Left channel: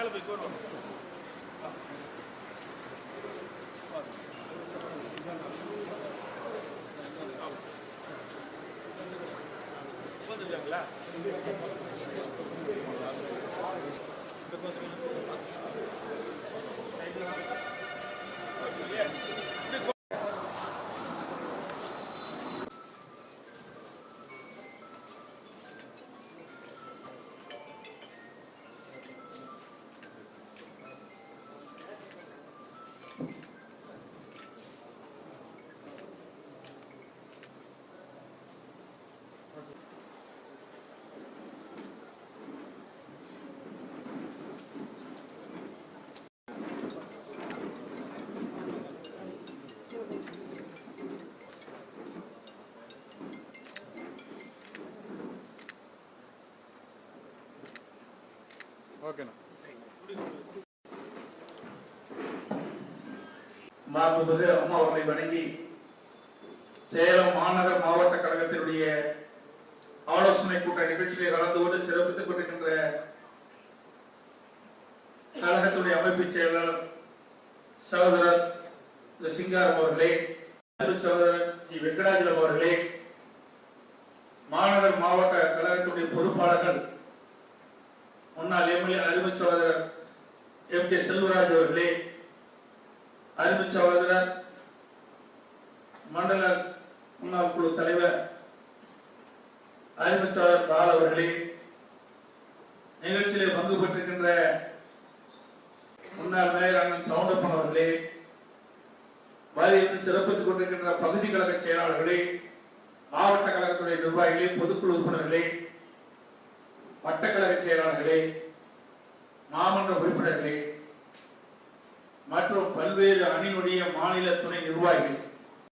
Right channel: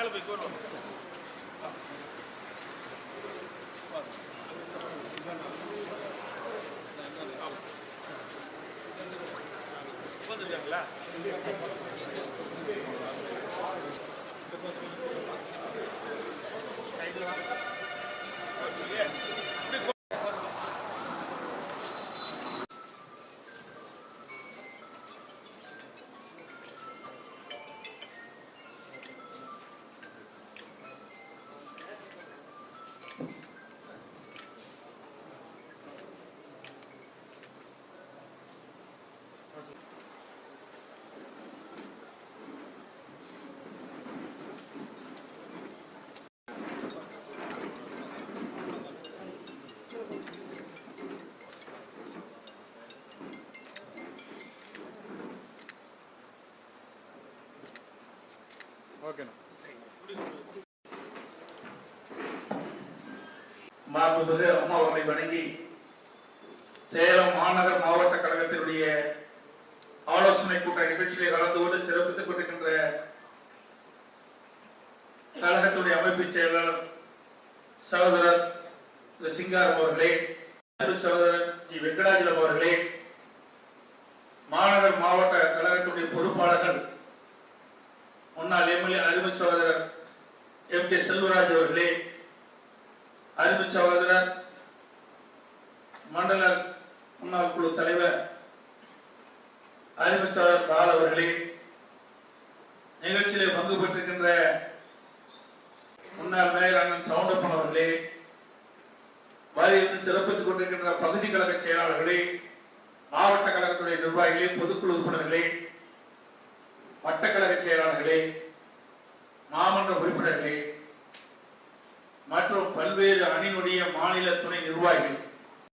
That'll be good one. வந்துட்டாங்களா மாண்புமிகு அம்மா அவர்களை வணங்கி சேலம் மாநகர் மாவட்ட கழகத்தினுடைய ஆலோசனை கூட்ட நிகழ்ச்சியை கலந்து கொண்டு சிறப்பித்துக் கொண்டிருக்கின்ற கழகத்துடைய அமைப்பு செயலாளர் சகோதரர் திரு சிங்காரம் அவர்களே சகோதரர் ஜி வெங்கடாஜலம் அவர்களே மாநகர் மாவட்ட கழகத்துடைய பொறுப்பாளர்கள் முன்னாள் எம்எல்ஏ அருமை சகோதரர் எம் கே செல்வராஜ் அவர்களே அருமை சகோதரர் மண்டல முன்னாள் குழு தலைவர் அருமை சகோதரர் பால் அவர்களே நிகழ்ச்சியிலே பங்கு பெற்றிருக்கின்ற முன்னாள் மேயர் சவுண்டப்பன் அவர்களே வாரியத்தில் சிறப்பித்துக் கொண்டிருக்கின்ற பகுதி கழக செயலாளர்களே மாவட்ட கழகத்துடைய நிர்வாகிகளே பொதுக்குழு உறுப்பினர்களே வட்டக்கழக செயலாளர்களே நாமன்ற உறுப்பினர்களே மற்றும் பல்வேறு அணியினுடைய மாநில துணை நிர்வாகிகள்